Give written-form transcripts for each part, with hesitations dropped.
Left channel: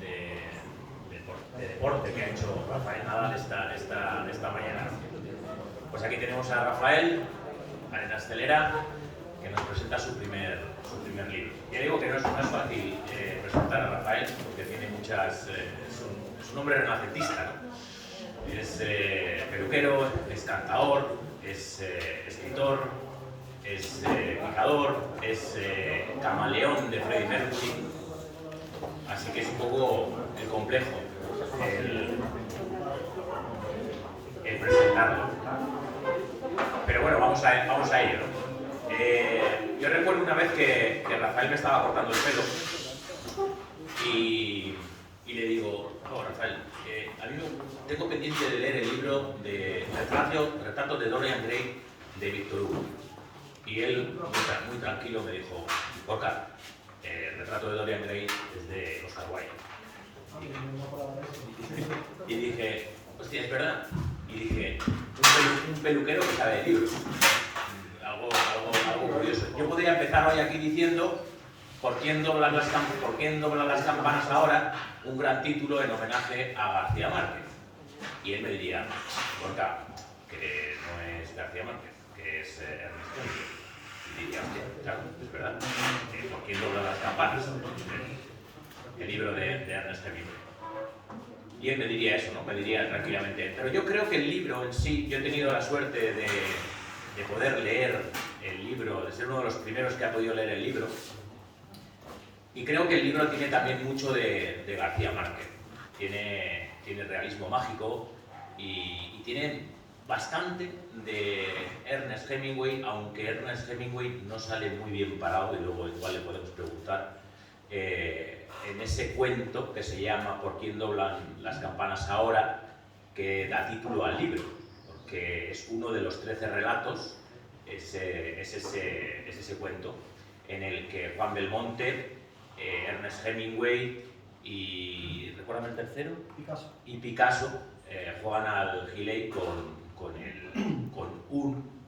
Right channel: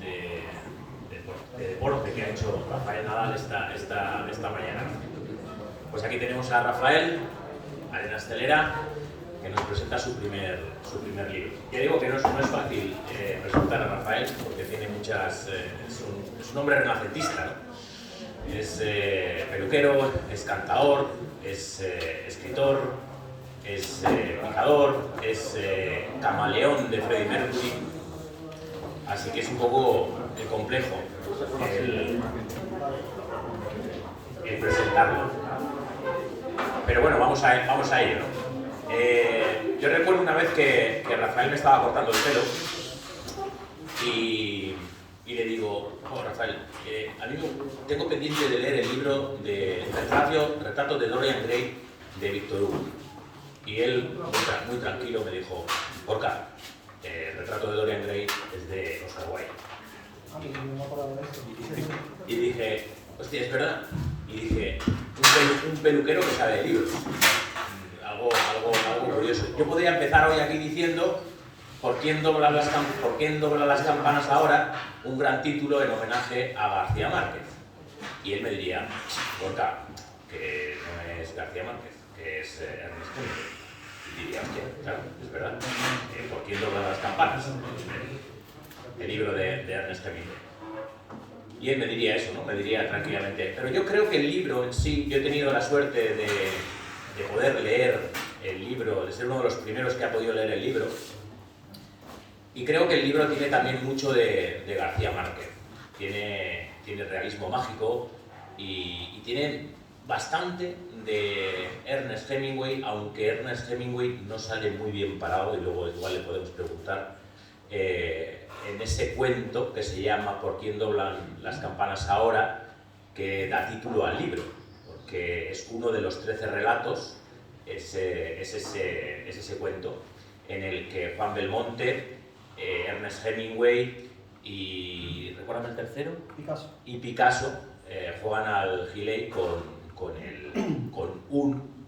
de deporte que ha hecho Rafael Nadal esta mañana. Pues aquí tenemos a Rafael Arenas Celera, que nos presenta su primer libro. Ya digo que no es fácil presentar a Rafael porque tiene muchas... es un hombre renacentista, ¿no? Es peluquero, es cantador, es escritor, es picador, es camaleón de Freddie Mercury. Así que es un poco complejo el presentarlo. Pero bueno, vamos a ello, ¿no? Yo recuerdo una vez que Rafael me estaba cortando el pelo y le digo, oh, Rafael, amigo, tengo pendiente de leer el libro de Retratos de Dorian Gray de Victor Hugo. Y él, muy tranquilo, me dijo, Gorka, Retrato de Dorian Gray es de Oscar Wilde. Y dije, hostia, es verdad. Y dije, un peluquero que sabe de libros. Algo curioso. Yo podría empezar hoy aquí diciendo ¿Por quién doblan las campanas ahora? Un gran título en homenaje a García Márquez. Y él me diría, Gorka, que no es García Márquez, que es Ernest Hemingway. Y diría, hostia, claro, es verdad. ¿Por quién doblan las campanas? El libro de Ernest Hemingway. Y él me diría eso, ¿no? Me diría tranquilamente. Pero yo creo que el libro en sí, yo he tenido la suerte de poder leer el libro, de ser uno de los primeros que ha podido leer el libro. Y creo que el libro tiene también mucho de García Márquez. Tiene realismo mágico y tiene bastante de Ernest Hemingway, aunque Ernest Hemingway no sale muy bien parado, y luego igual le podemos preguntar, en ese cuento que se llama ¿Por quién doblan las campanas ahora?, que da título al libro, porque es uno de los 13 relatos, es ese cuento en el que Juan Belmonte, Ernest Hemingway y, recuérdame el tercero, Picasso juegan al Giley con un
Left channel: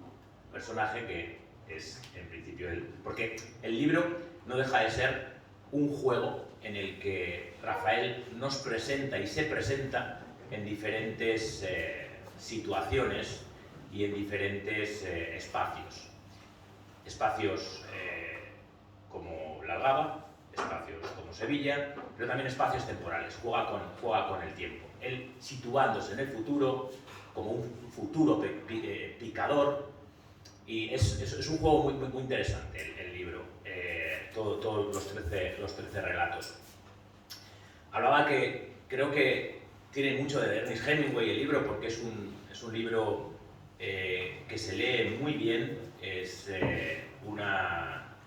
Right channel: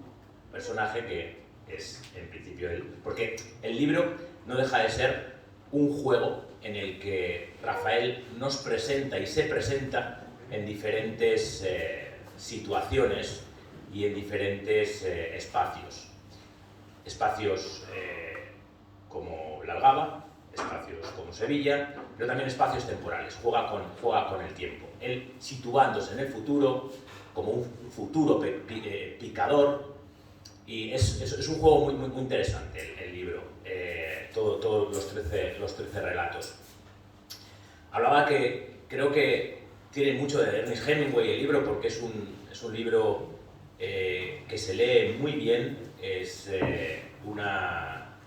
personaje que es en principio él, porque el libro no deja de ser un juego en el que Rafael nos presenta y se presenta en diferentes situaciones y en diferentes espacios. Espacios como La Algaba, espacios como Sevilla, pero también espacios temporales. Juega con el tiempo. Él situándose en el futuro como un futuro picador, y es un juego muy interesante el libro, todos los 13 relatos. Hablaba que creo que tiene mucho de Ernest Hemingway el libro, porque es un libro que se lee muy bien,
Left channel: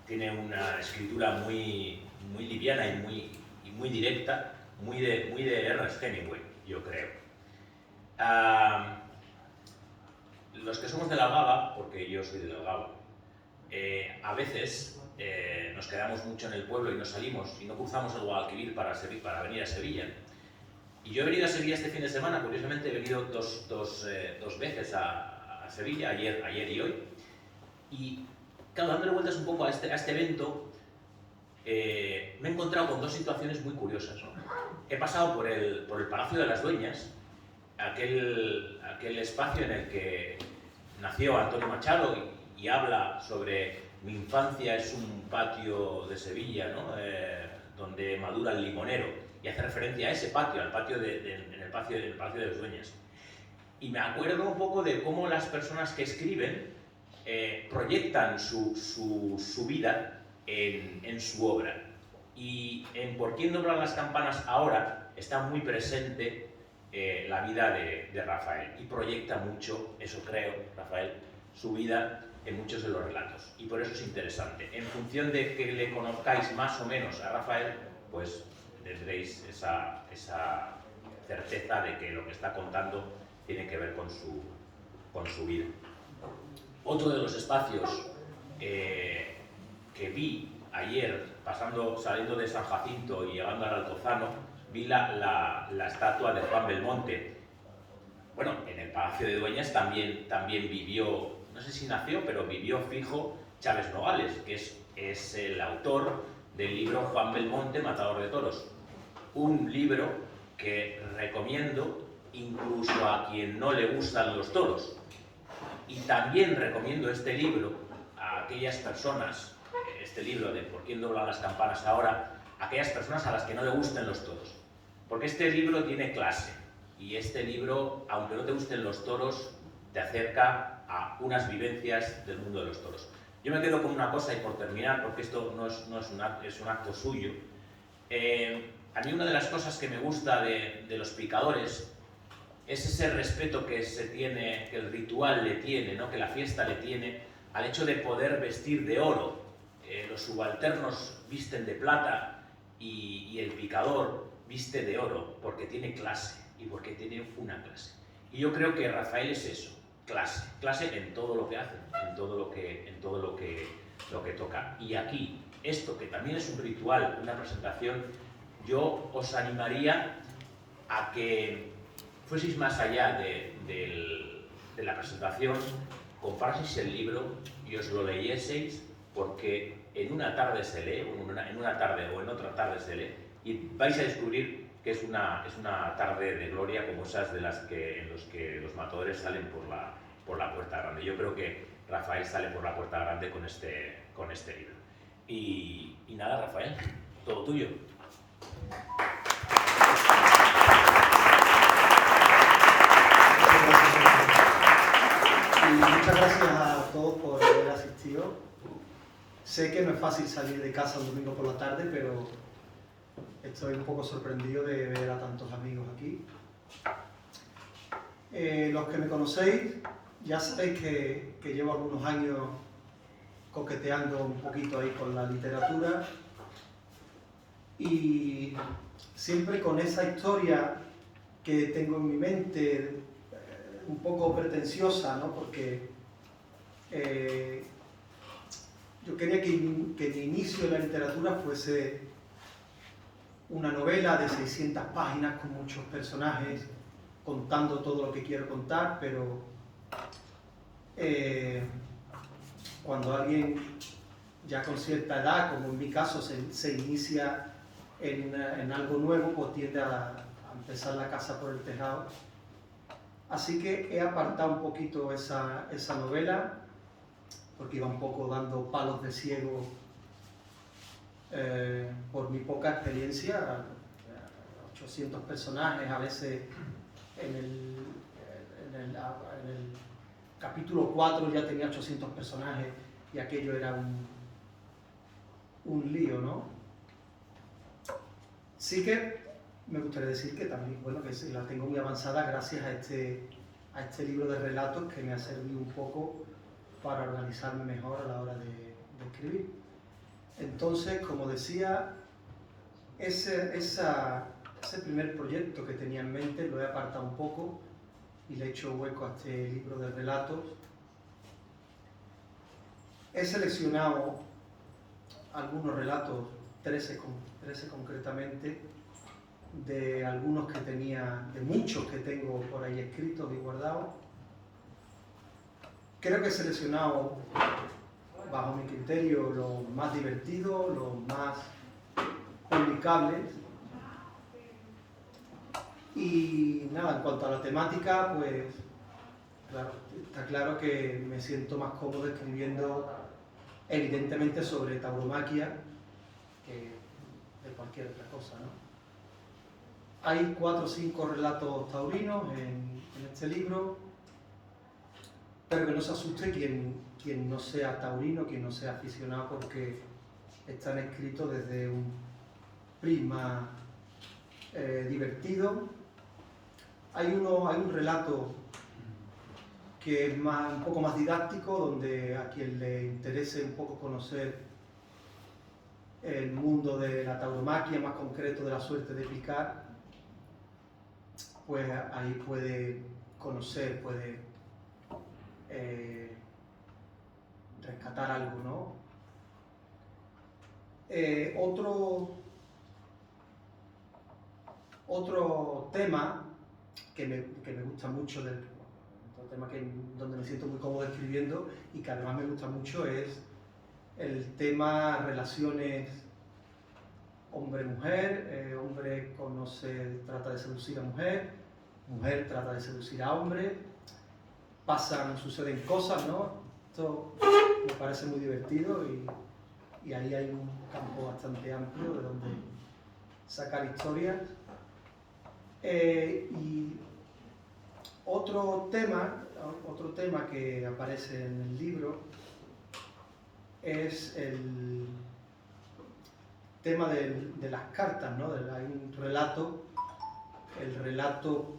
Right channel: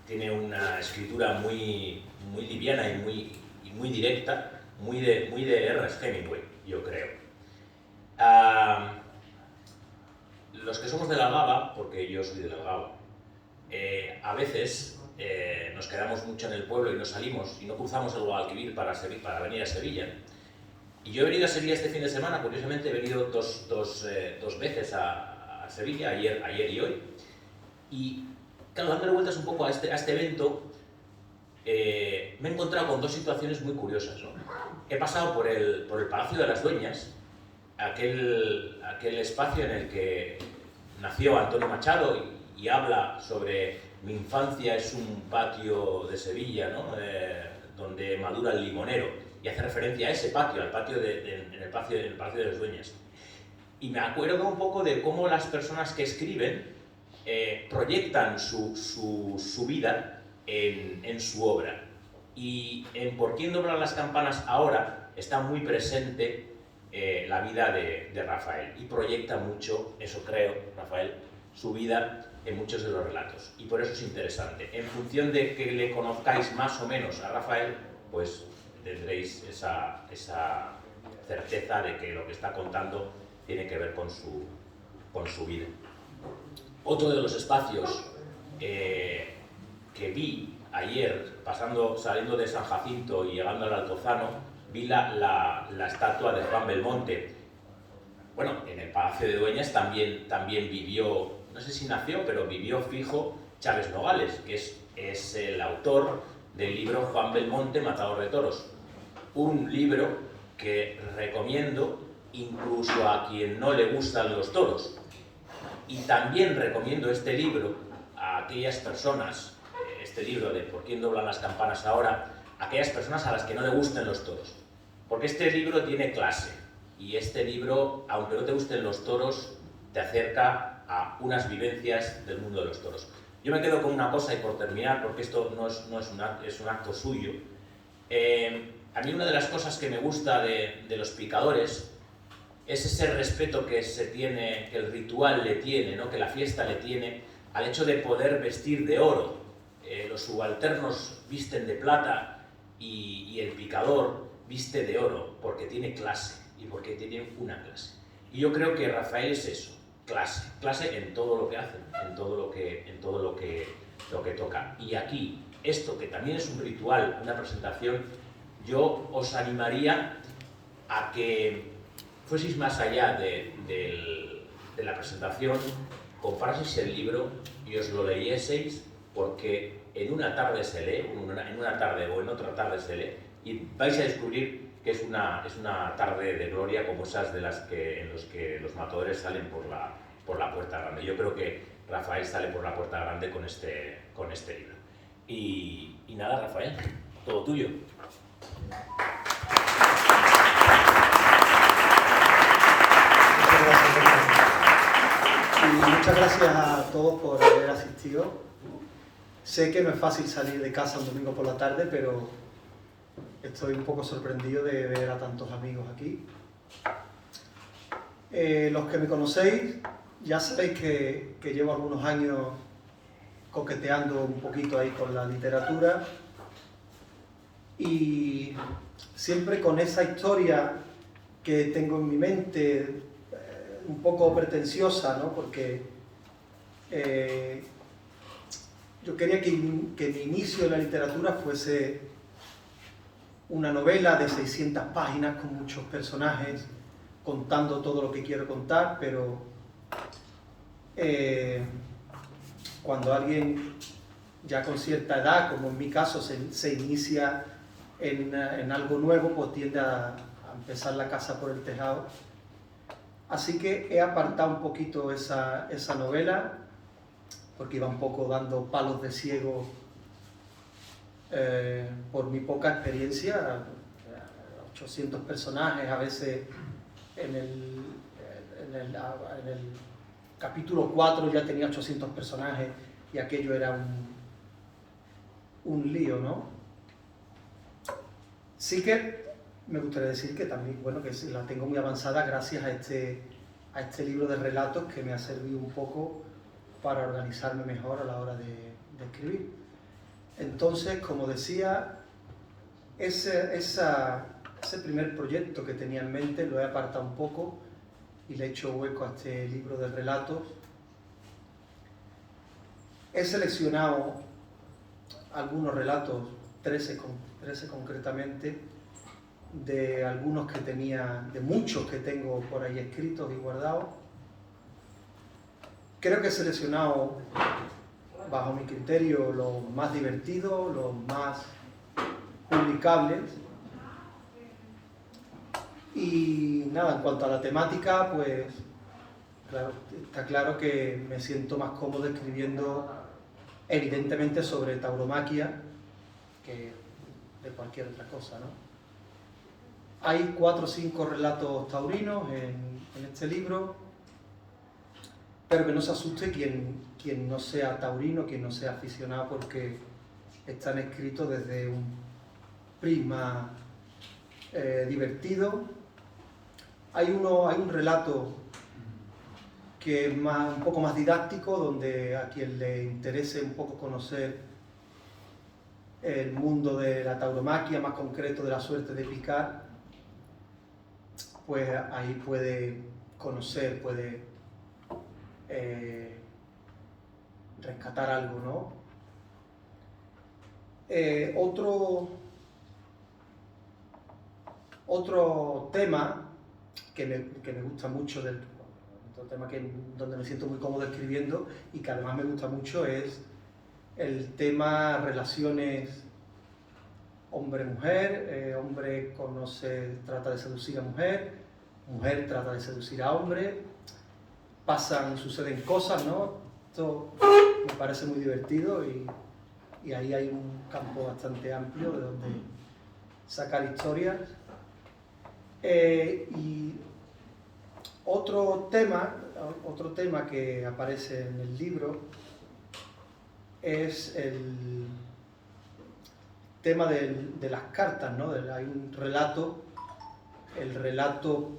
tiene una escritura muy liviana y muy directa, muy de Ernest Hemingway, yo creo. Los que somos de La Algaba, porque yo soy de La Algaba, a veces nos quedamos mucho en el pueblo y no salimos y no cruzamos el Guadalquivir para venir a Sevilla. Y yo he venido a Sevilla este fin de semana, curiosamente he venido dos veces a Sevilla, ayer y hoy. Y claro, dándole vueltas un poco a este evento, me he encontrado con dos situaciones muy curiosas, ¿no? He pasado por el Palacio de las Dueñas, aquel espacio en el que nació Antonio Machado y habla sobre mi infancia es un patio de Sevilla, ¿no? Donde madura el limonero, y hace referencia a ese patio, al patio en el Palacio de las Dueñas. Y me acuerdo un poco de cómo las personas que escriben proyectan su vida en su obra. Y en ¿Por quién doblan las campanas ahora? Está muy presente la vida de Rafael, y proyecta mucho, eso creo, Rafael, su vida en muchos de los relatos, y por eso es interesante. En función de que le conozcáis más o menos a Rafael, pues tendréis esa certeza de que lo que está contando tiene que ver con su vida. Otro de los espacios que vi ayer, saliendo de San Jacinto y llegando al Altozano, vi la estatua de Juan Belmonte. Bueno, en el Palacio de Dueñas también vivió, no sé si nació, pero vivió fijo Charles Nogales, que es el autor del libro Juan Belmonte, Matador de Toros. un libro que recomiendo incluso a quien no le gustan los toros. Y también recomiendo este libro a aquellas personas, este libro de ¿Por quién doblan las campanas ahora?, a aquellas personas a las que no le gusten los toros. Porque este libro tiene clase, y este libro, aunque no te gusten los toros, te acerca a unas vivencias del mundo de los toros. Yo me quedo con una cosa, y por terminar, porque esto no es un acto suyo. A mí una de las cosas que me gusta de los picadores es ese respeto que se tiene, que el ritual le tiene, ¿no?, que la fiesta le tiene al hecho de poder vestir de oro. Los subalternos visten de plata y el picador viste de oro porque tiene clase y porque tiene una clase. Y yo creo que Rafael es eso, clase en todo lo que hace, en todo lo que toca. Y aquí, esto que también es un ritual, una presentación, yo os animaría a que fueseis más allá de la presentación, compraseis el libro y os lo leyeseis, porque en una tarde se lee, en una tarde o en otra tarde se lee, y vais a descubrir que es una tarde de gloria como esas en los que los matadores salen por la puerta grande. Yo creo que Rafael sale por la puerta grande con este libro. Y nada, Rafael, todo tuyo. Y muchas gracias a todos por haber asistido. Sé que no es fácil salir de casa un domingo por la tarde, pero estoy un poco sorprendido de ver a tantos amigos aquí. Los que me conocéis ya sabéis que llevo algunos años coqueteando un poquito ahí con la literatura, y siempre con esa historia que tengo en mi mente, un poco pretenciosa, ¿no? Porque yo quería que mi inicio en la literatura fuese una novela de 600 páginas con muchos personajes, contando todo lo que quiero contar, pero cuando alguien ya con cierta edad, como en mi caso, se inicia en algo nuevo, pues tiende a empezar la casa por el tejado. Así que he apartado un poquito esa novela, porque iba un poco dando palos de ciego por mi poca experiencia. 800 personajes, a veces en el capítulo 4 ya tenía 800 personajes y aquello era un lío, ¿no? Sí que me gustaría decir que también, bueno, que la tengo muy avanzada gracias a este libro de relatos, que me ha servido un poco para organizarme mejor a la hora de escribir. Entonces, como decía, ese primer proyecto que tenía en mente lo he apartado un poco y le he hecho hueco a este libro de relatos. He seleccionado algunos relatos, 13 concretamente, de algunos que tenía, de muchos que tengo por ahí escritos y guardados. Creo que he seleccionado, bajo mi criterio, los más divertidos, los más publicables. Y nada, en cuanto a la temática, pues claro, está claro que me siento más cómodo escribiendo evidentemente sobre tauromaquia que de cualquier otra cosa, ¿no? Hay 4 o 5 relatos taurinos en este libro, pero que no se asuste quien no sea taurino, quien no sea aficionado, porque están escritos desde un prisma divertido. Hay un relato que es un poco más didáctico, donde a quien le interese un poco conocer el mundo de la tauromaquia, más concreto de la suerte de picar, pues ahí puede conocer, puede rescatar algo, ¿no? Otro tema que me gusta mucho, otro tema donde me siento muy cómodo escribiendo y que además me gusta mucho, es el tema relaciones hombre-mujer, hombre trata de seducir a mujer, mujer trata de seducir a hombre, suceden cosas, ¿no? Esto me parece muy divertido y ahí hay un campo bastante amplio de donde sacar historias. Y otro tema que aparece en el libro es el tema de las cartas, ¿no? Hay un relato, el relato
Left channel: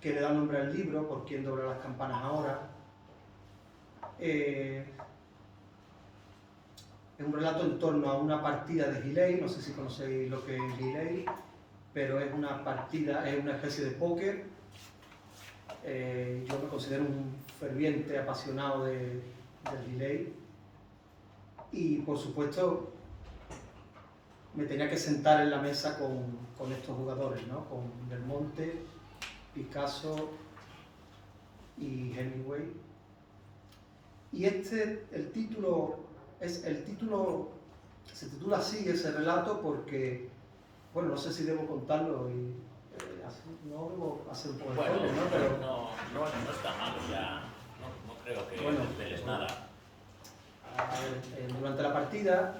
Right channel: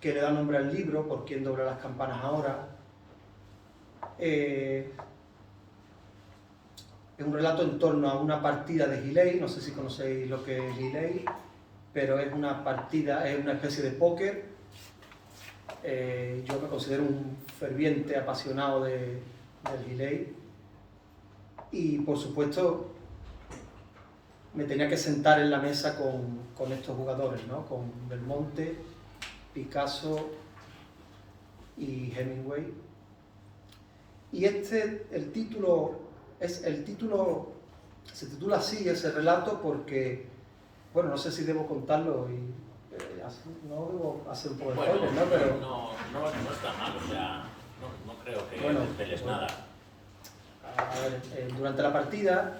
que le da nombre al libro, ¿Por quién dobla las campanas ahora? Es un relato en torno a una partida de Gilei, no sé si conocéis lo que es Gilei, pero es una partida, es una especie de póker. Yo me considero un ferviente apasionado del Gilei y por supuesto me tenía que sentar en la mesa con estos jugadores, ¿no? Con Belmonte, Picasso y Hemingway. Y el título se titula así, ese relato, porque, bueno, no sé si debo contarlo y no debo hacer un poco de spoiler, ¿no? Pero no está mal, o sea, no creo que desveles nada. A ver, durante la partida...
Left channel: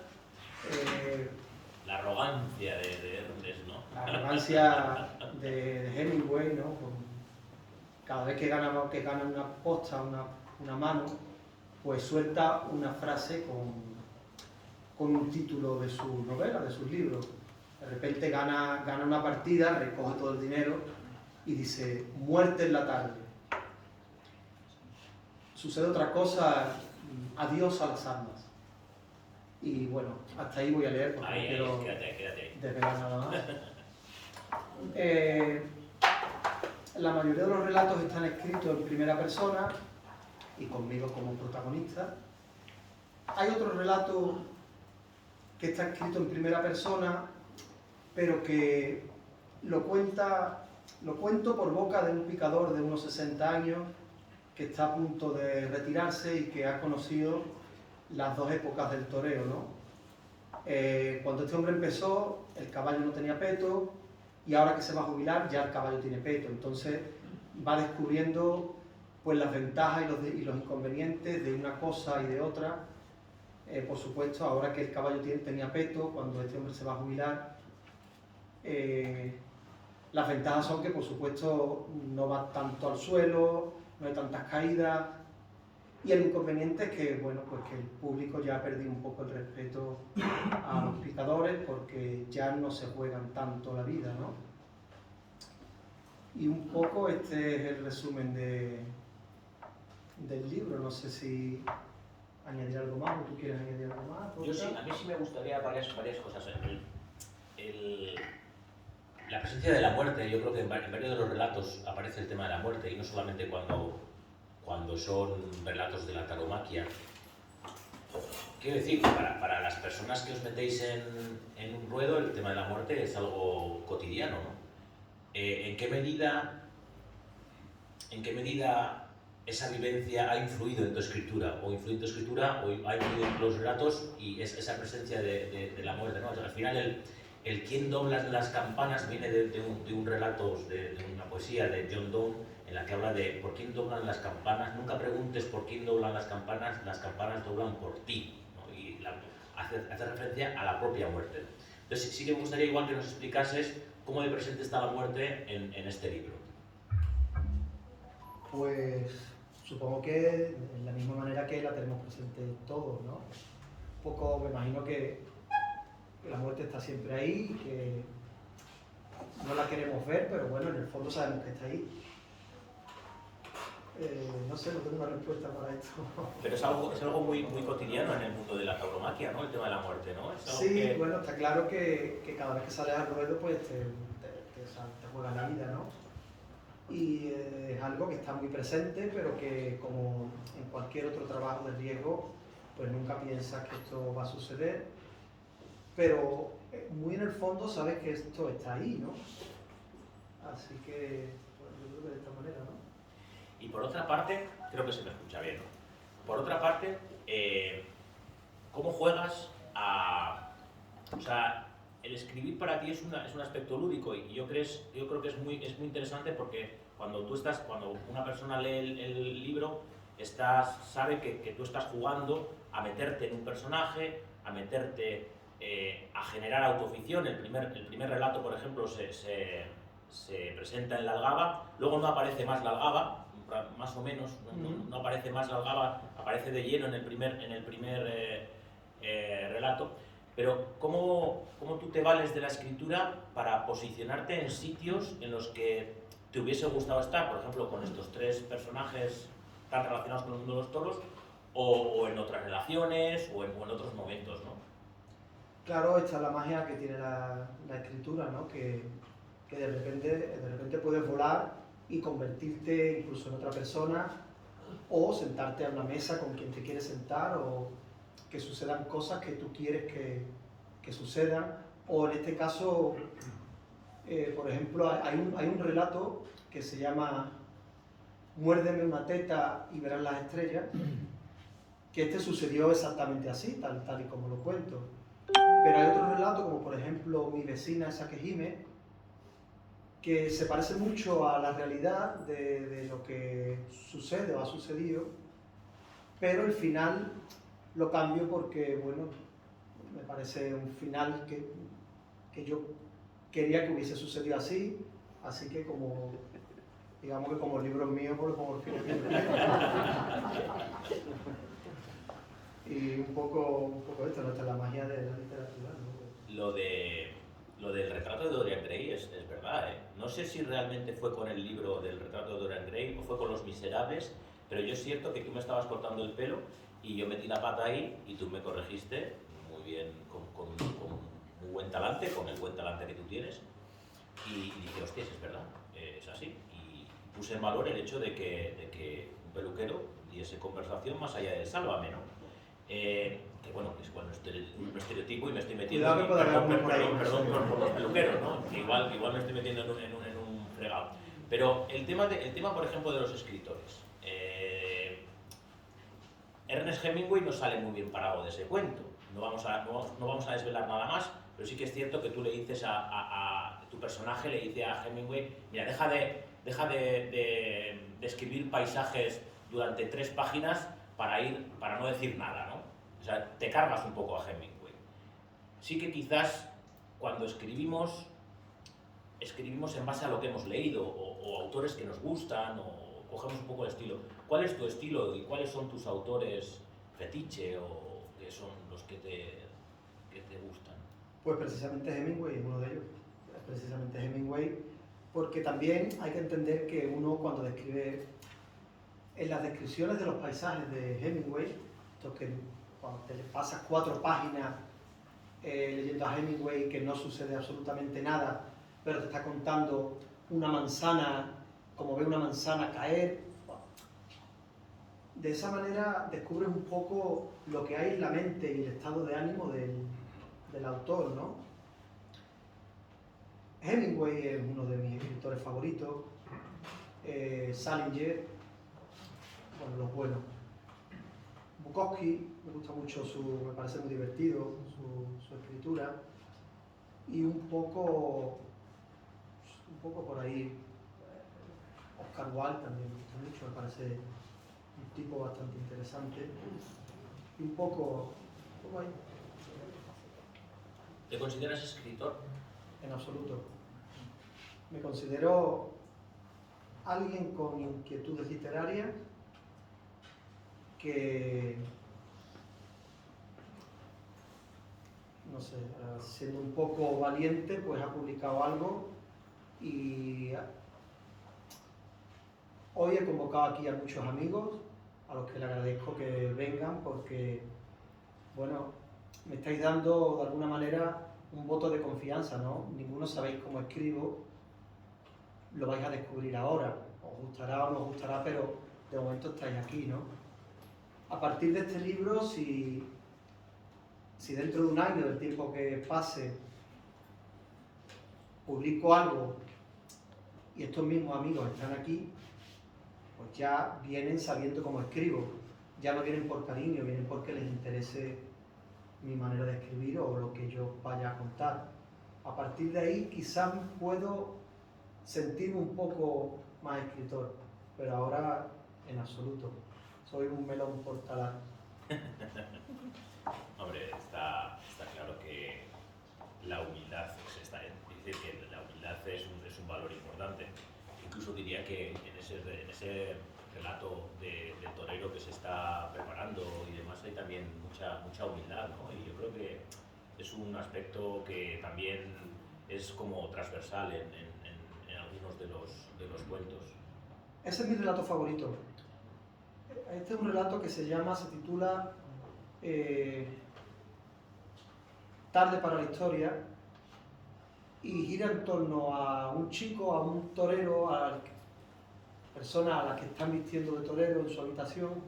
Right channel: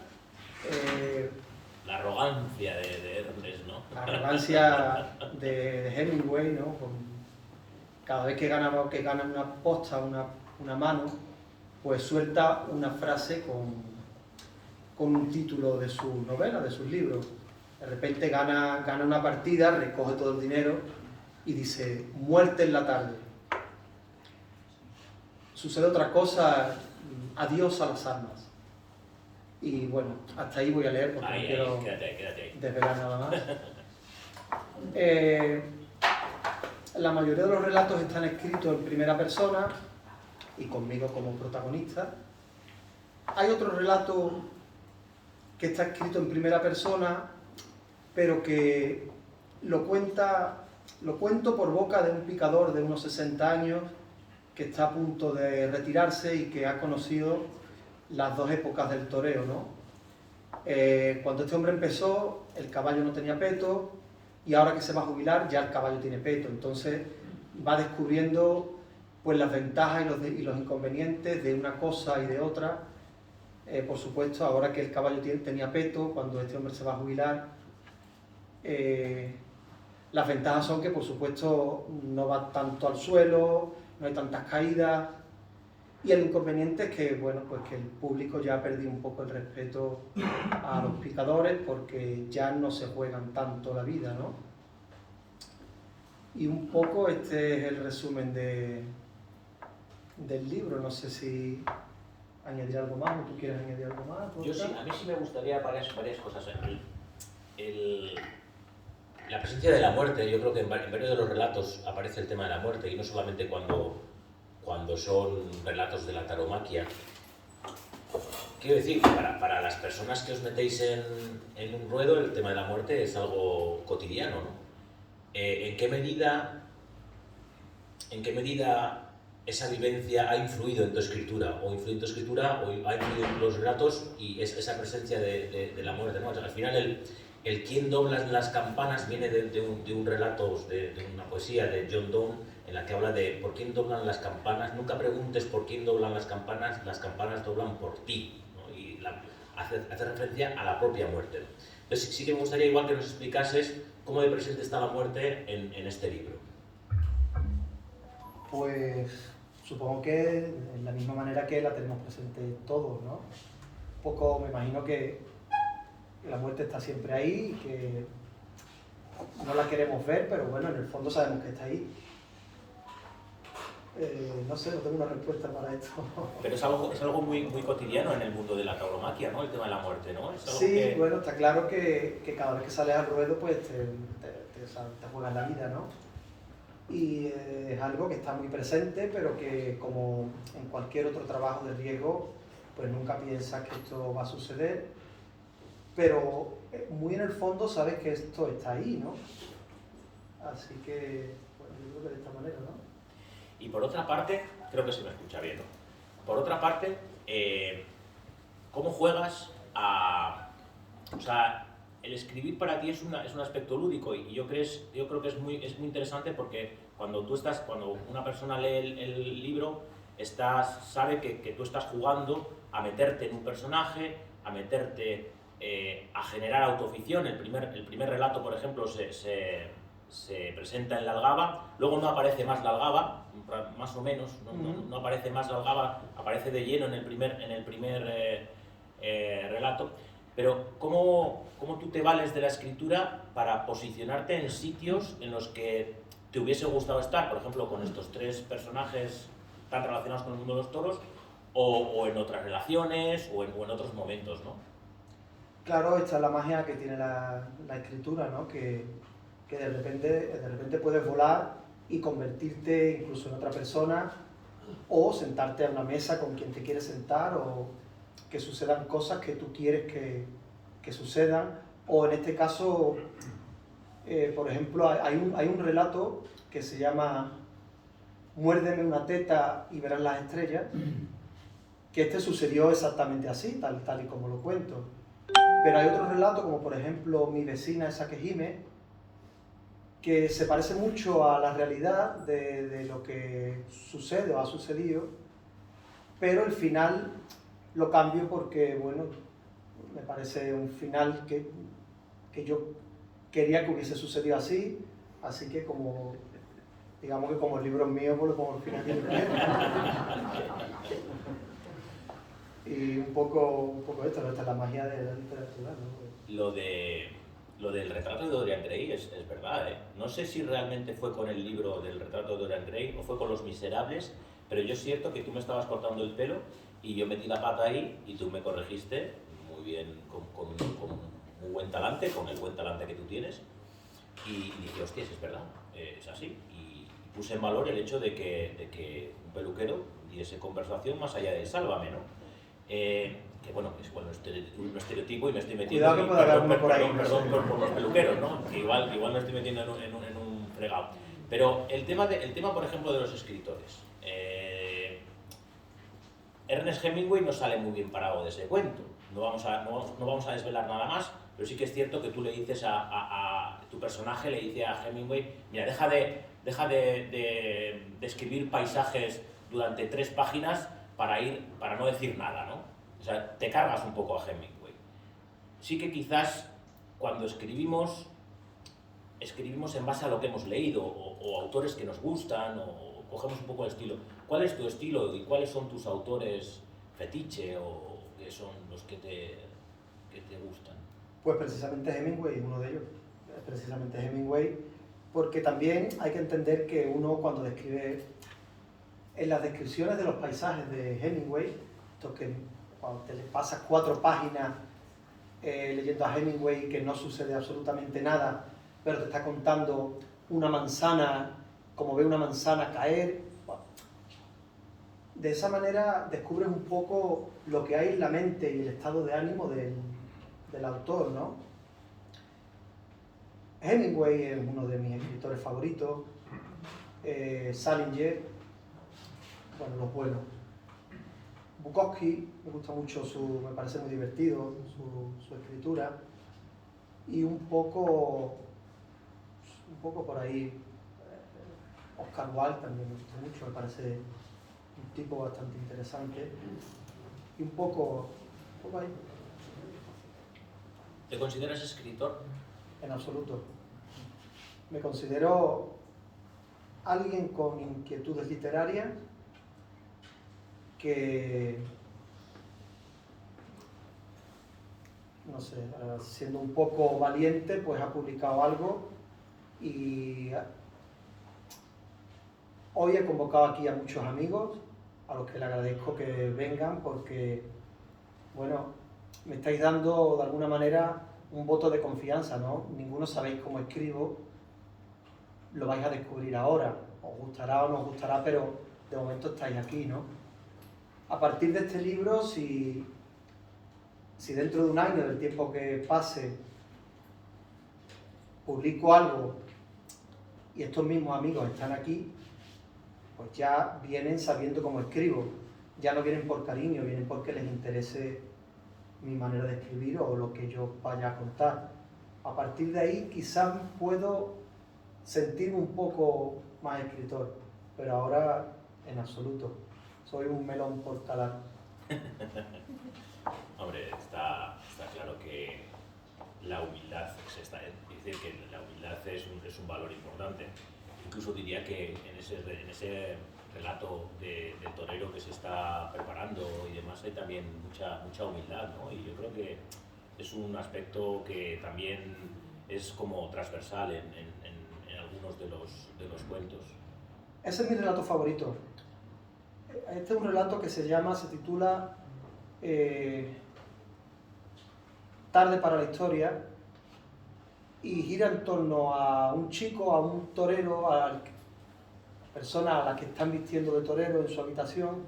la arrogancia de Ernest, ¿no? La arrogancia de Hemingway, ¿no? Cada vez que gana una posta, una mano, pues suelta una frase con un título de su novela, de sus libros. De repente gana una partida, recoge todo el dinero y dice, muerte en la tarde. Sucede otra cosa, adiós a las armas. Y bueno, hasta ahí voy a leer porque no quiero quédate. desvelar nada más. La mayoría de los relatos están escritos en primera persona y conmigo como protagonista. Hay otro relato que está escrito en primera persona, pero que lo cuento por boca de un picador de unos 60 años que está a punto de retirarse y que ha conocido las dos épocas del toreo, ¿no? Cuando este hombre empezó, el caballo no tenía peto y ahora que se va a jubilar ya el caballo tiene peto. Entonces va descubriendo pues las ventajas y los inconvenientes de una cosa y de otra. Por supuesto, ahora que el caballo tenía peto, cuando este hombre se va a jubilar, las ventajas son que por supuesto no va tanto al suelo, no hay tantas caídas. Y el inconveniente es que, bueno, pues que el público ya ha perdido un poco el respeto a los picadores porque ya no se juegan tanto la vida, ¿no? Y un poco este es el resumen del libro. No sé si añadir algo más o tú quieres añadir algo más. Yo sí, a mí sí me gustaría varias cosas. La presencia de la muerte, yo creo que en varios de los relatos aparece el tema de la muerte y no solamente cuando son relatos de la tauromaquia. Quiero decir, para las personas que os metéis en un ruedo, el tema de la muerte es algo cotidiano, ¿no? ¿En qué medida esa vivencia ha influido en tu escritura? ¿O influye en tu escritura o ha influido en los relatos y esa presencia de la muerte, ¿no? O sea, al final el quién dobla las campanas viene de un relato, de una poesía de John Donne, en la que habla de por quién doblan las campanas. Nunca preguntes por quién doblan las campanas doblan por ti, ¿no? Y hace referencia a la propia muerte, ¿no? Entonces sí que me gustaría igual que nos explicases cómo de presente está la muerte en este libro. Pues supongo que de la misma manera que la tenemos presente todos, ¿no? Un poco me imagino que la muerte está siempre ahí y que no la queremos ver, pero bueno, en el fondo sabemos que está ahí. No sé, no tengo una respuesta para esto. Pero es algo muy cotidiano en el mundo de la tauromaquia, ¿no? El tema de la muerte, ¿no? Es algo sí, bueno, está claro que cada vez que sales al ruedo pues te juegas la vida, ¿no? Y es algo que está muy presente, pero que como en cualquier otro trabajo de riesgo, pues nunca piensas que esto va a suceder, pero muy en el fondo sabes que esto está ahí, ¿no? Así que, bueno, yo creo que de esta manera, ¿no? Y por otra parte, creo que se me escucha bien, ¿no? Por otra parte, ¿cómo juegas o sea, el escribir para ti es un aspecto lúdico y yo creo que es muy interesante porque cuando una persona lee el libro, sabe que tú estás jugando a meterte en un personaje, a meterte a generar autoficción. El primer relato, por ejemplo, se presenta en la Algaba, luego no aparece más la Algaba, más o menos, no aparece más la Algaba, aparece de lleno en el primer relato. Pero ¿cómo tú te vales de la escritura para posicionarte en sitios en los que te hubiese gustado estar? Por ejemplo, con estos 3 personajes tan relacionados con el mundo de los toros, o en otras relaciones, o en otros momentos, ¿no? Claro, esta es la magia que tiene la escritura, ¿no? Que de repente puedes volar y convertirte incluso en otra persona, o sentarte a una mesa con quien te quieres sentar, o que sucedan cosas que tú quieres que sucedan, o en este caso, por ejemplo, hay un relato que se llama Muérdeme una teta y verás las estrellas, que este sucedió exactamente así, tal y como lo cuento. Pero hay otro relato, como por ejemplo Mi vecina esa que gime, que se parece mucho a la realidad de lo que sucede o ha sucedido, pero el final lo cambio porque, bueno, me parece un final que yo quería que hubiese sucedido así que como, digamos que como el libro es mío, pues lo pongo al final que yo quiero. Y un poco esto, ¿no? Esta es la magia de la literatura, ¿no? Lo del retrato de Dorian Gray es verdad, ¿eh? No sé si realmente fue con el libro del retrato de Dorian Gray o fue con Los Miserables, pero yo es cierto que tú me estabas cortando el pelo y yo metí la pata ahí y tú me corregiste muy bien, con muy buen talante, con el buen talante que tú tienes, y dije, hostias, es verdad, es así. Y puse en valor el hecho de que un peluquero diese conversación más allá del sálvame, ¿no? Que bueno, es un estereotipo y me estoy metiendo, perdón por los peluqueros, ¿no? Que igual me estoy metiendo en un fregado. Pero el tema, por ejemplo, de los escritores. Ernest Hemingway no sale muy bien parado de ese cuento. No vamos a desvelar nada más, pero sí que es cierto que tú le dices tu personaje le dice a Hemingway, mira, deja de escribir paisajes durante 3 páginas para no decir nada, ¿no? O sea, te cargas un poco a Hemingway. Sí que quizás cuando escribimos en base a lo que hemos leído, o autores que nos gustan, o cogemos un poco el estilo. ¿Cuál es tu estilo y cuáles son tus autores fetiche o que son los que te gustan? Pues precisamente Hemingway es uno de ellos. Precisamente Hemingway, porque también hay que entender que uno cuando describe, en las descripciones de los paisajes de Hemingway, esto que cuando te pasas 4 páginas leyendo a Hemingway que no sucede absolutamente nada, pero te está contando una manzana, como ve una manzana caer. De esa manera descubres un poco lo que hay en la mente y el estado de ánimo del autor, ¿no? Hemingway es uno de mis escritores favoritos, Salinger, bueno, los buenos. Bukowski, me gusta mucho, me parece muy divertido su escritura, y un poco por ahí, Oscar Wilde también me gusta mucho, me parece un tipo bastante interesante, y un poco ahí. ¿Te consideras escritor? En absoluto. Me considero alguien con inquietudes literarias que, no sé, siendo un poco valiente, pues ha publicado algo, y hoy he convocado aquí a muchos amigos a los que le agradezco que vengan porque, bueno, me estáis dando de alguna manera un voto de confianza, ¿no? Ninguno sabéis cómo escribo, lo vais a descubrir ahora, os gustará o no os gustará, pero de momento estáis aquí, ¿no? A partir de este libro, si dentro de un año, del tiempo que pase, publico algo y estos mismos amigos están aquí, pues ya vienen sabiendo cómo escribo, ya no vienen por cariño, vienen porque les interese mi manera de escribir o lo que yo vaya a contar. A partir de ahí quizás puedo sentirme un poco más escritor, pero ahora en absoluto. Soy un melón por calar. Hombre, está claro que la humildad es decir, que la humildad es un valor importante. Incluso diría que en ese relato del torero que se está preparando y demás hay también mucha humildad, ¿no? Y yo creo que es un aspecto que también es como transversal en algunos de los cuentos. Ese es mi relato favorito. Este es un relato que se titula Tarde para la historia, y gira en torno a un chico, a un torero, a personas a las que están vistiendo de torero en su habitación,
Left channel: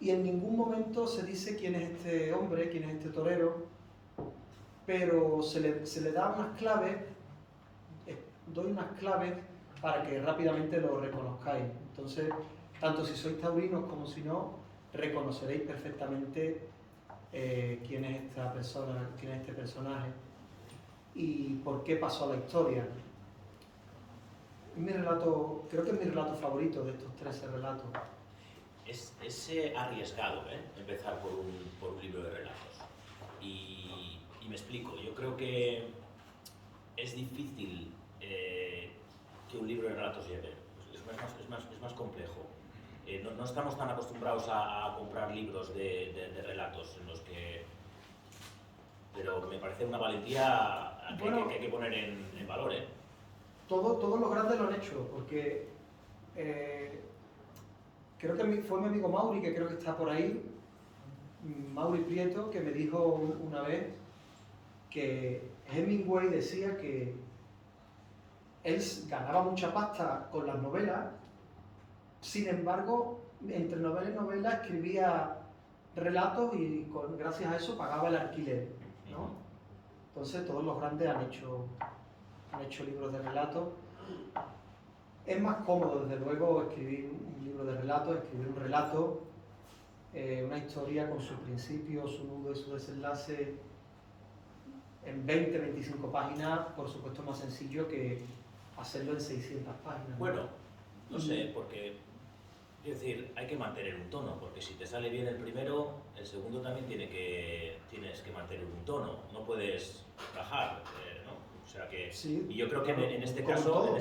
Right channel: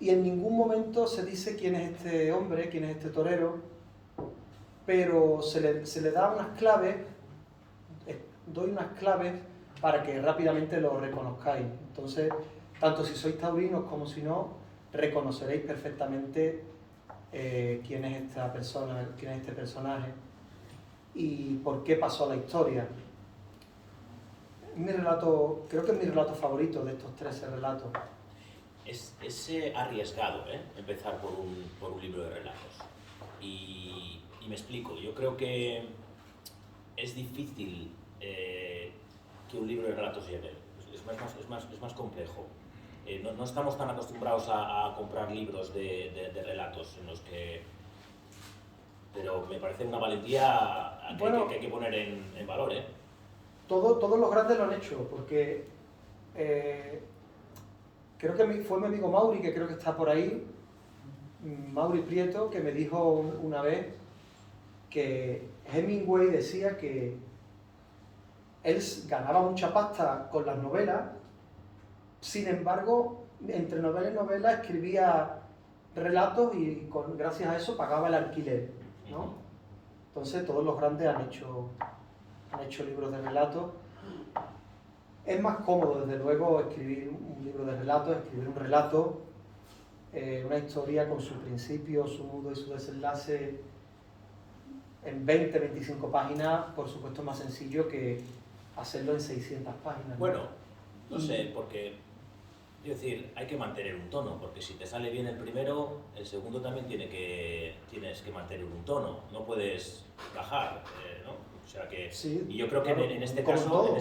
y en ningún momento se dice quién es este hombre, quién es este torero, pero se le da unas claves, doy unas claves para que rápidamente lo reconozcáis. Entonces, tanto si sois taurinos como si no, reconoceréis perfectamente quién es esta persona, quién es este personaje y por qué pasó la historia. Creo que es mi relato favorito de estos 13 relatos. Es arriesgado, empezar por un libro de relatos. Y me explico, yo creo que es difícil que un libro de relatos llegue. Es más complejo. No estamos tan acostumbrados a comprar libros de relatos en los que... Pero me parece una valentía que hay que poner en valor, ¿eh? Todos los grandes lo han hecho, porque creo que fue mi amigo Mauri, que creo que está por ahí, Mauri Prieto, que me dijo una vez que Hemingway decía que él ganaba mucha pasta con las novelas, sin embargo, entre novela y novela escribía relatos y gracias a eso pagaba el alquiler, ¿no? Entonces todos los grandes han hecho libros de relatos. Es más cómodo, desde luego, escribir un libro de relatos, escribir un relato, una historia con su principio, su nudo y su desenlace en 20-25 páginas, por supuesto es más sencillo que hacerlo en 600 páginas. Bueno, no sé, porque, quiero decir, hay que mantener un tono, porque si te sale bien el primero, el segundo también tienes que mantener un tono, no puedes bajar, ¿no? O sea que, sí, y yo creo que en este caso,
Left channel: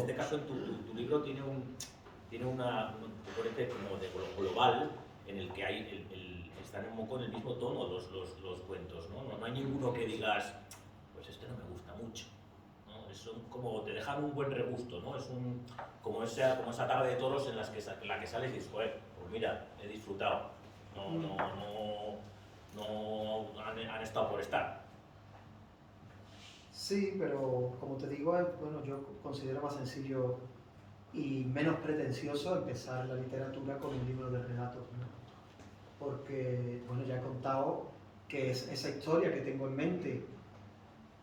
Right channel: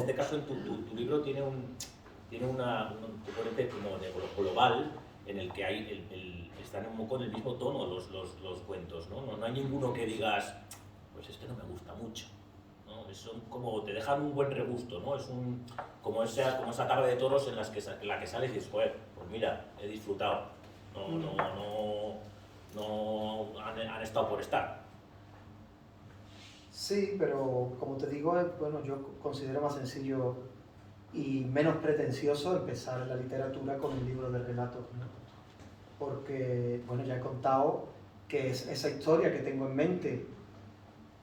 tu libro tiene un componente como de global, en el que están un poco en el mismo tono los cuentos, ¿no? No hay ninguno que digas, pues este no me gusta mucho, ¿no? Son como, te dejan un buen regusto, ¿no? Es como esa tarde de toros en la que sales y dices, joder, pues mira, he disfrutado, no han estado por estar. Sí, pero como te digo, bueno, yo considero más sencillo y menos pretencioso empezar en la literatura con un libro de relatos, ¿no? Porque, bueno, ya he contado que es esa historia que tengo en mente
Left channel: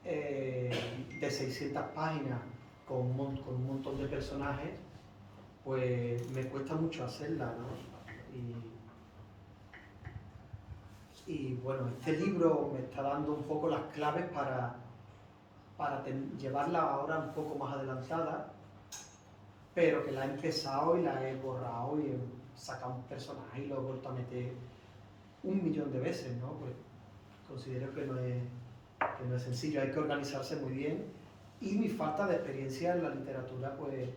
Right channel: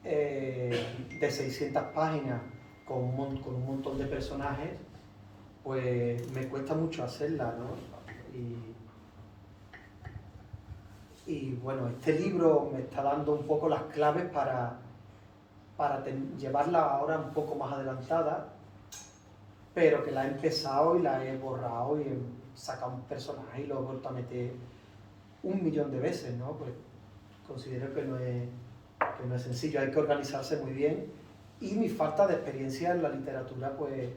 de 600 páginas con un montón de personajes, pues me cuesta mucho hacerla, ¿no? Y bueno, este libro me está dando un poco las claves para llevarla ahora un poco más adelantada, pero que la he empezado y la he borrado y he sacado un personaje y lo he vuelto a meter 1.000.000 de veces, ¿no? Pues considero que no es sencillo, hay que organizarse muy bien, y mi falta de experiencia en la literatura pues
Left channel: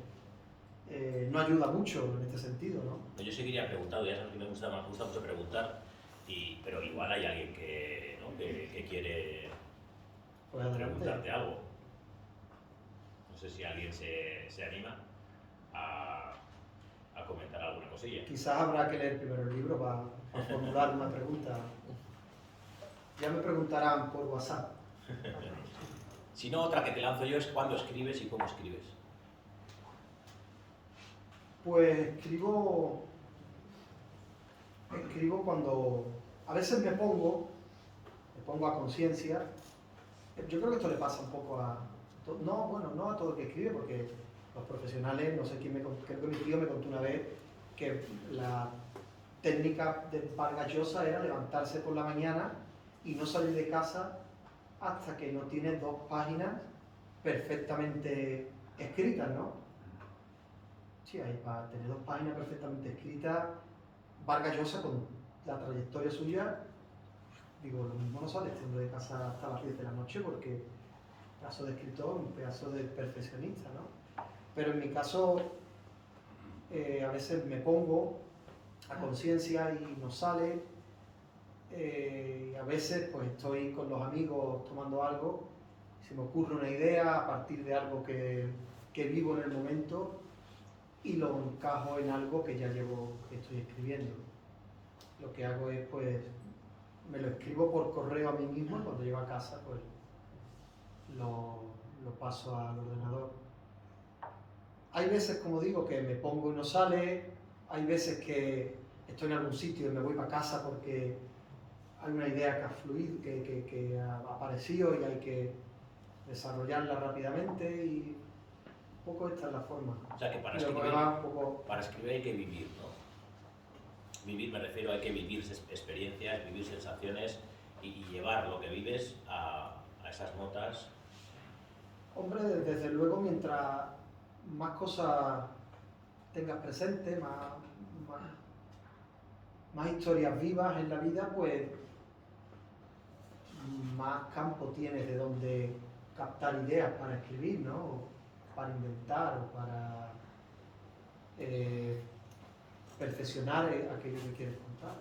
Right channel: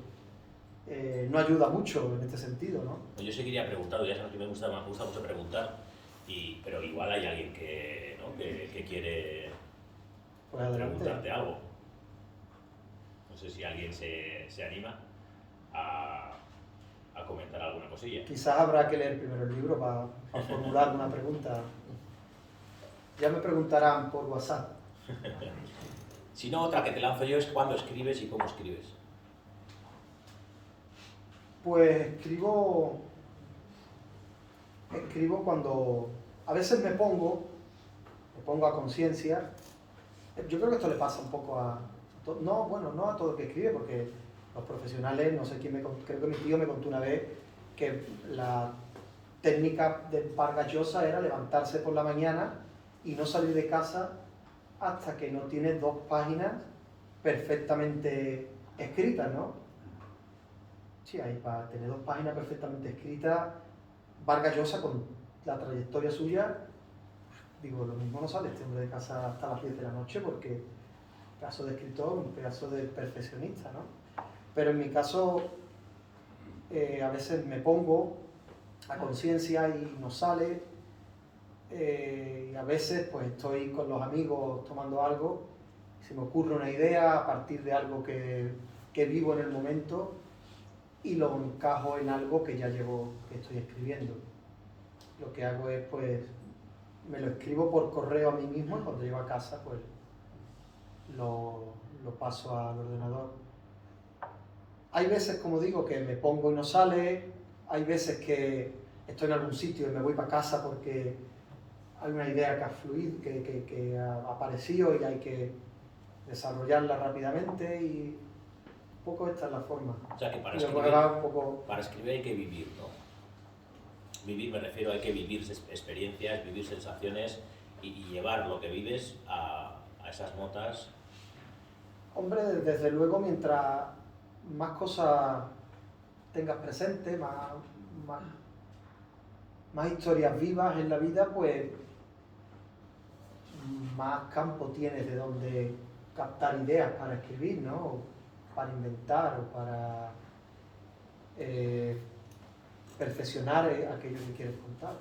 no ayuda mucho en este sentido, ¿no? Yo seguiría preguntando, ya sabes que me gusta mucho preguntar, pero igual hay alguien que quiere Pues preguntarte algo. No sé si alguien se anima a comentar alguna cosilla. Quizás habrá que leer primero el libro para formular una pregunta. Ya me preguntarán por WhatsApp. Si no, otra que te lanzo yo es cuándo escribes y cómo escribes. Pues escribo cuando a veces me pongo a conciencia. Yo creo que esto le pasa un poco no a todo el que escribe, porque los profesionales, no sé quién creo que mi tío me contó una vez que la técnica de Vargas Llosa era levantarse por la mañana y no salir de casa hasta que no tienes 2 páginas perfectamente escritas, ¿no? Sí, ahí para tener 2 páginas perfectamente escritas, Vargas Llosa, con la trayectoria suya, digo, lo mismo no sale este hombre de casa hasta las 10 de la noche, porque un pedazo de escritor, un pedazo de perfeccionista, ¿no? Pero en mi caso, a veces me pongo a conciencia y no sale, y a veces pues estoy con los amigos tomando algo, se me ocurre una idea a partir de algo que vivo en el momento y lo encajo en algo que ya que estoy escribiendo. Lo que hago es, pues, me lo escribo por correo a mí mismo y cuando llego a casa, pues, lo paso al ordenador. Hay veces, como digo, que me pongo y no sale, hay veces que estoy en algún sitio y me voy para casa porque hay una idea que ha fluido, que ha aparecido y hay que desarrollarla rápidamente y un poco esta es la forma. O sea que para escribir hay que vivir, ¿no? Vivir, me refiero, hay que vivir experiencias, vivir sensaciones y llevar lo que vives a esas notas. Hombre, desde luego, mientras más cosas tengas presente, más historias vivas en la vida, pues más campo tienes de donde captar ideas para escribir, ¿no? O para inventar o para perfeccionar aquello que quieres contar.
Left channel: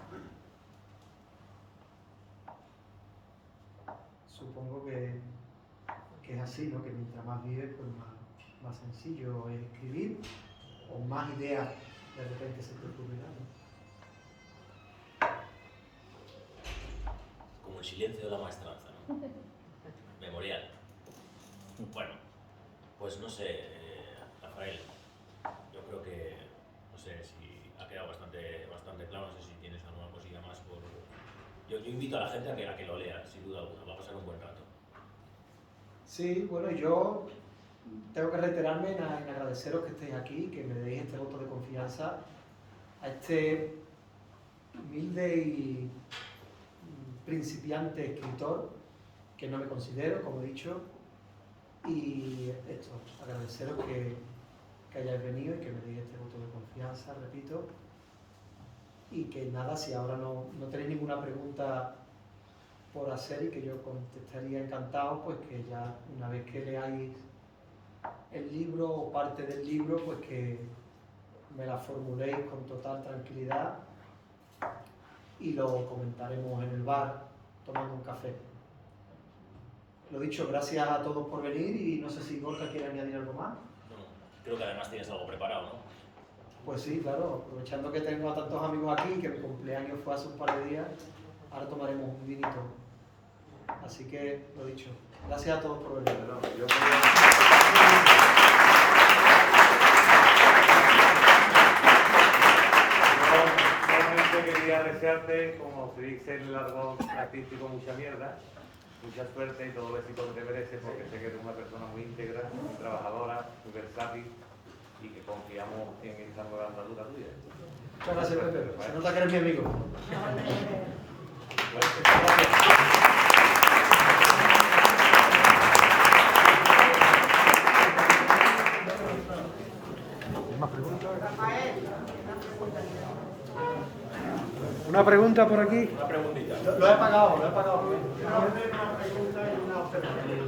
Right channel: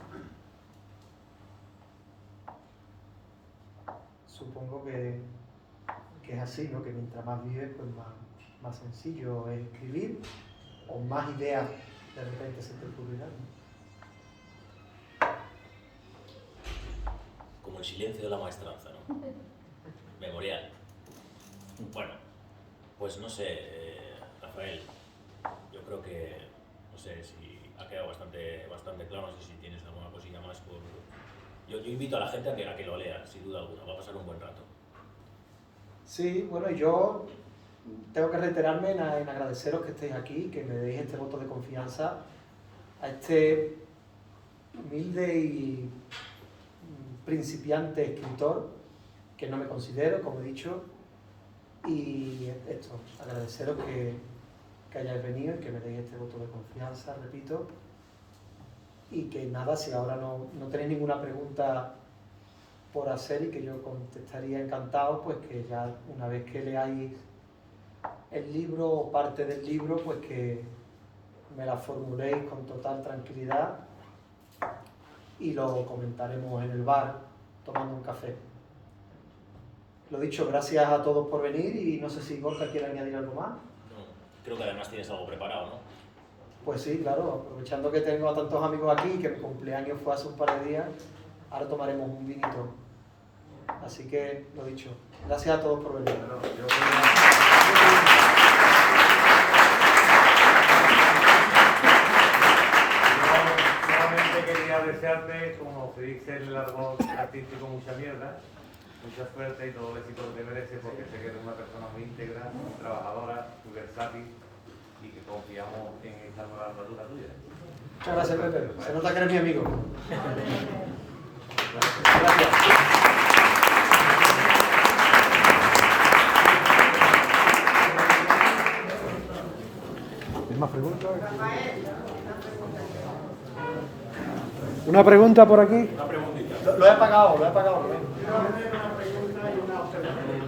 Supongo que es así, ¿no? Que mientras más vives, pues más sencillo es escribir o más ideas de repente se te ocurrirán, ¿no? Como el silencio de la maestranza, ¿no? Memorial. Bueno, pues no sé, Rafael, yo creo que, no sé si ha quedado bastante claro, no sé si tienes alguna cosilla más por... Yo invito a la gente a que lo lea, sin duda alguna, va a pasar un buen rato. Sí, bueno, yo tengo que reiterarme en agradeceros que estéis aquí, que me deis este voto de confianza a este humilde y principiante escritor, que no me considero, como he dicho, y esto, agradeceros que hayáis venido y que me deis este voto de confianza, repito, y que nada, si ahora no tenéis ninguna pregunta por hacer y que yo contestaría encantado, pues que ya una vez que leáis el libro o parte del libro, pues que me la formuléis con total tranquilidad y lo comentaremos en el bar tomando un café. Lo dicho, gracias a todos por venir y no sé si Gorka quiere añadir algo más. No, creo que además tienes algo preparado, ¿no? Pues sí, claro, aprovechando que tengo a tantos amigos aquí, que mi cumpleaños fue hace un par de días, ahora tomaremos un vinito. Así que, lo dicho, gracias a todos por venir. Bueno, solamente quería desearte, como se dice en el argot artístico, mucha mierda, mucha suerte y todo el éxito que te mereces, porque sé que eres una persona muy íntegra, muy trabajadora, muy versátil y que confiamos en esta nueva armadura tuya. Muchas gracias, Pepe. Se nota que eres mi amigo. Gracias. Una pregunta por aquí. Una preguntita. Lo he apagado, Yo tengo una pregunta y una observación.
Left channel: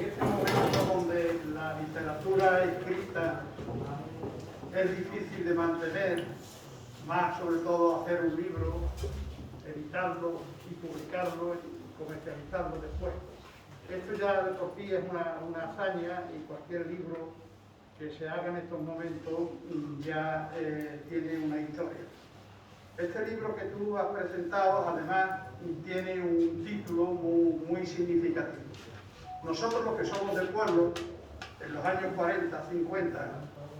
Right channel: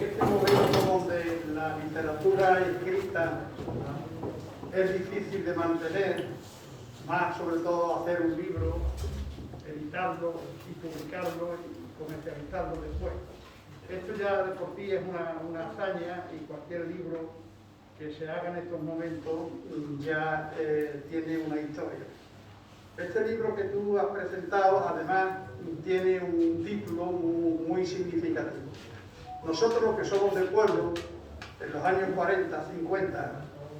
Este momento donde la literatura escrita es difícil de mantener, más sobre todo hacer un libro, editarlo y publicarlo y comercializarlo después. Esto ya de por sí es una hazaña y cualquier libro que se haga en estos momentos ya tiene una historia. Este libro que tú has presentado además tiene un título muy significativo. Nosotros los que somos del pueblo, en los años 40, 50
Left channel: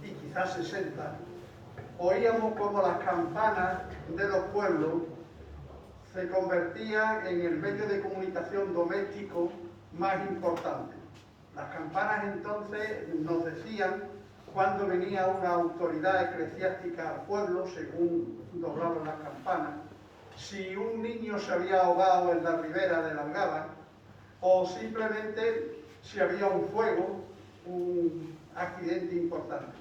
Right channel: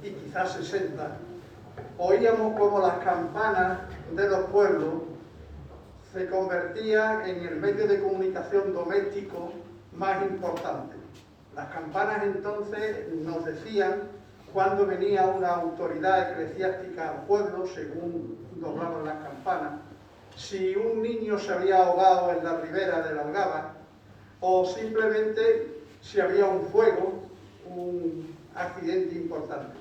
y quizás 60, oíamos como las campanas de los pueblos se convertían en el medio de comunicación doméstico más importante. Las campanas entonces nos decían cuando venía una autoridad eclesiástica al pueblo, según doblaban las campanas, si un niño se había ahogado en la ribera de la Algaba o simplemente si había un fuego, un accidente importante.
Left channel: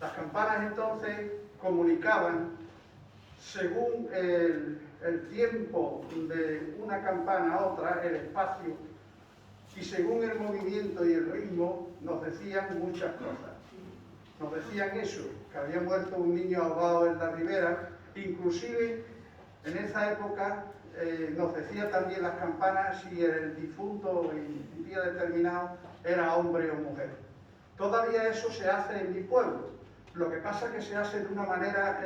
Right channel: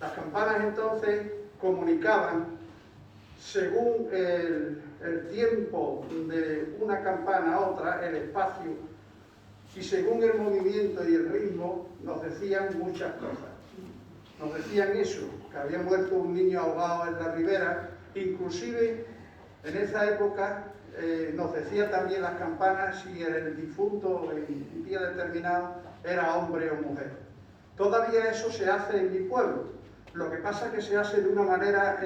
Las campanas entonces comunicaban según el tiempo de una campana a otra, el espacio, y según el movimiento y el ritmo nos decían muchas cosas. Nos decían eso, que había muerto un niño ahogado en la ribera, inclusive en esa época nos decía también las campanas si el difunto en un día determinado era hombre o mujer. Todavía eso se hace en mi pueblo, lo que pasa es que se hace de una manera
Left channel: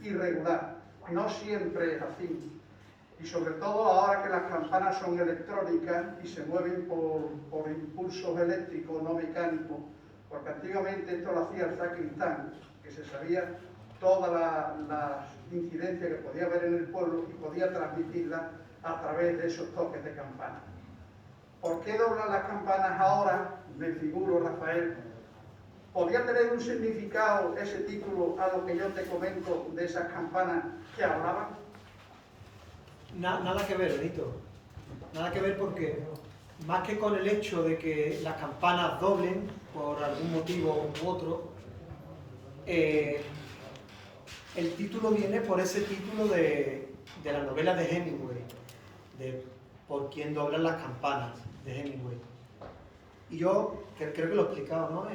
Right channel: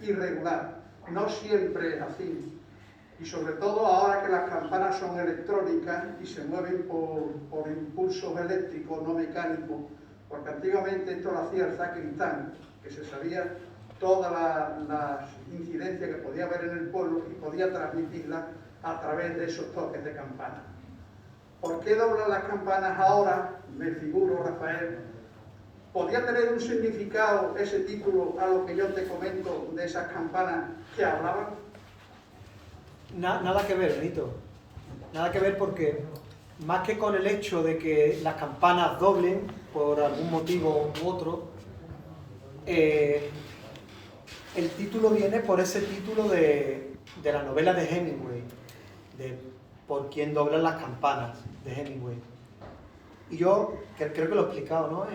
irregular, no siempre es así. Y sobre todo ahora que las campanas son electrónicas y se mueven por impulsos eléctricos, no mecánicos, porque antiguamente esto lo hacía el sacristán, que se sabía todas las incidencias que podía haber en el pueblo y podía transmitirlas a través de esos toques de campana. ¿Por qué doblan las campanas ahora? Me figuro, Rafael. ¿Podría tener un significado ese título a lo que yo te comento de esas campanas que hablaban? Nada que ver, Benito. Nada que ver porque, más que con el hecho de que las campanas doblen por algún motivo u otro, el título viene por ese título de la novela de Hemingway, de Por quién doblan las campanas, de Hemingway. Y yo creo que lo he explicado, ¿no?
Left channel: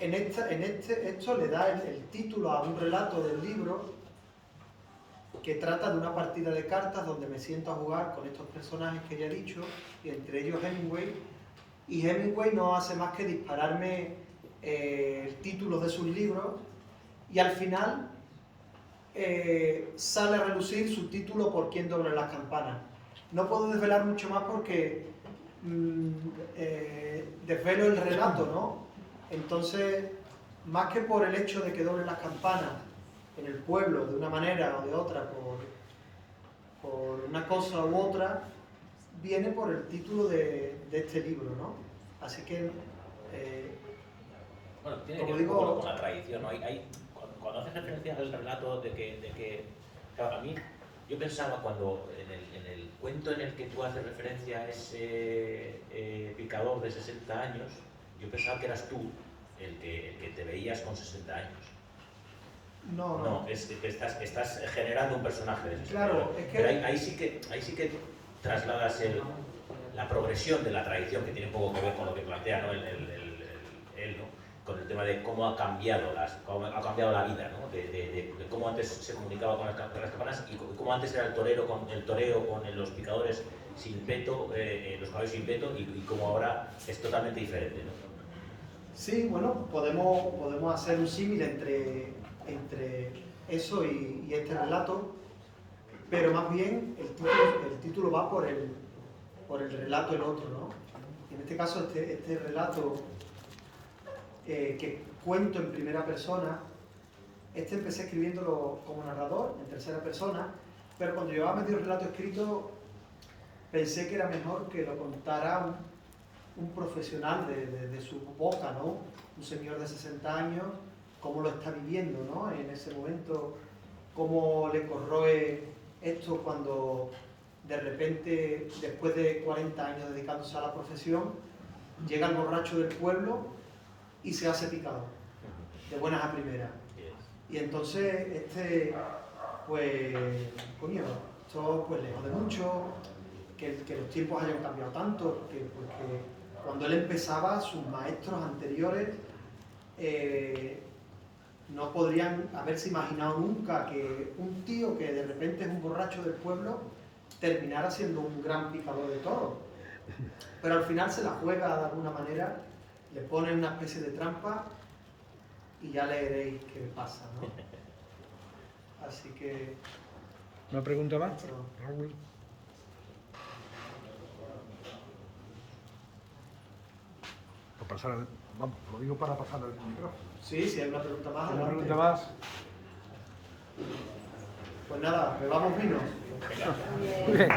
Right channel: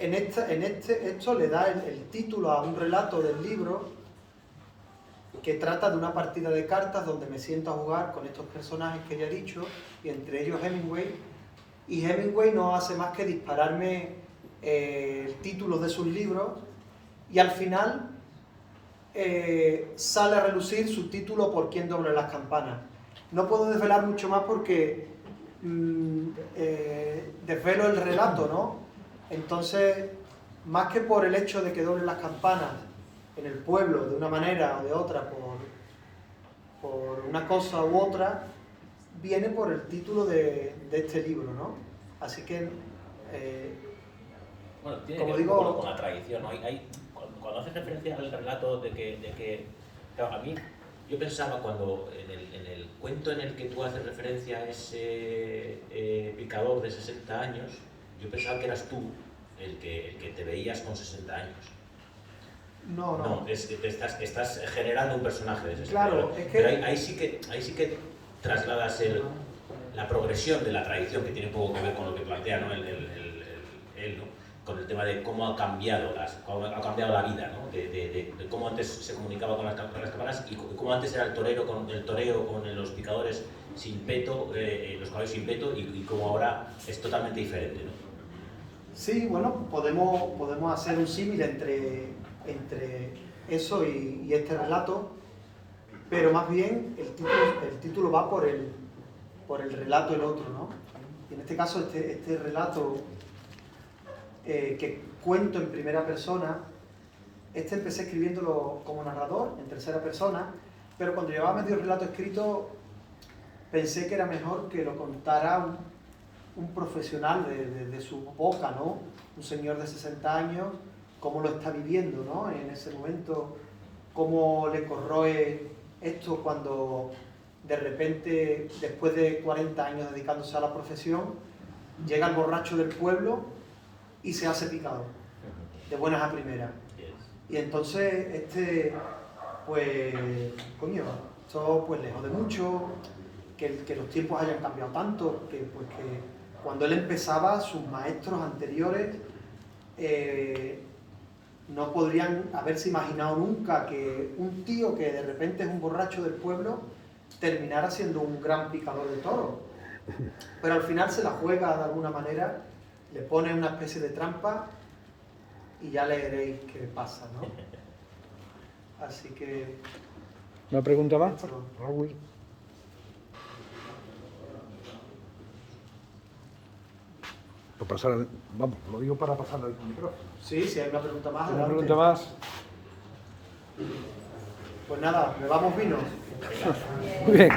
Esto le da el título a un relato del libro que trata de una partida de cartas donde me siento a jugar con estos personajes que ya he dicho, y entre ellos Hemingway, y Hemingway no hace más que dispararme títulos de sus libros, y al final sale a relucir su título Por quién dobla las campanas. No puedo desvelar mucho más porque desvelo el relato, ¿no? Entonces, más que por el hecho de que doblen las campanas en el pueblo de una manera o de otra, por una cosa u otra, viene por el título de este libro, ¿no? Así que, bueno, tiene como que ver un digo, poco con la tradición, ¿no? Cuando haces referencia al relato de que claro, a mí, yo pensaba cuando en el cuento en el que tú haces referencia a ese picador de 60 años, yo pensaba que eras tú el que te veías con 60 años. No, es que estás generando un personaje de ese claro, estilo. es que... Pero ahí sí que trasladas la progresión de la tradición, que tiene un poco que ver con lo que plantea, ¿no? Él, ¿no? Con el tema de cómo ha cambiado la vida, ¿no? De cómo antes se comunicaba con las campanas y cómo antes era el toreo con los picadores sin peto, los caballos sin peto, y cómo ahora es totalmente diferente, ¿no? Sí, bueno, podemos hacer un símil entre eso y este relato, pero más bien el título va por el relato el otro, ¿no? Y en este caso, este relato que cuento en primera persona, empecé escribiéndolo como narrador, en tercera persona, pero cuando llevaba medio relato escrito, pensé que era mejor que lo contara un profesional de su boca, ¿no? Un señor de 60 años, cómo lo está viviendo, ¿no? En ese momento, cómo le corroe esto cuando de repente, después de 40 años dedicándose a la profesión, llega el borracho del pueblo y se hace picador, de buenas a primeras. Y entonces, pues, coño, esto pues lejos de mucho, que los tiempos hayan cambiado tanto, que cuando él empezaba, sus maestros anteriores no podrían haberse imaginado nunca que un tío que de repente es un borracho del pueblo terminara siendo un gran picador de toros. Pero al final se la juega de alguna manera, le pone una especie de trampa y ya le veréis qué pasa, ¿no? Así que... ¿Una pregunta más? esto- Raúl. Vamos, lo digo para pasar el micrófono. Sí, si hay una pregunta más. ¿Una adelante. pregunta más? Pues nada, bebamos vino. Venga. Muy bien.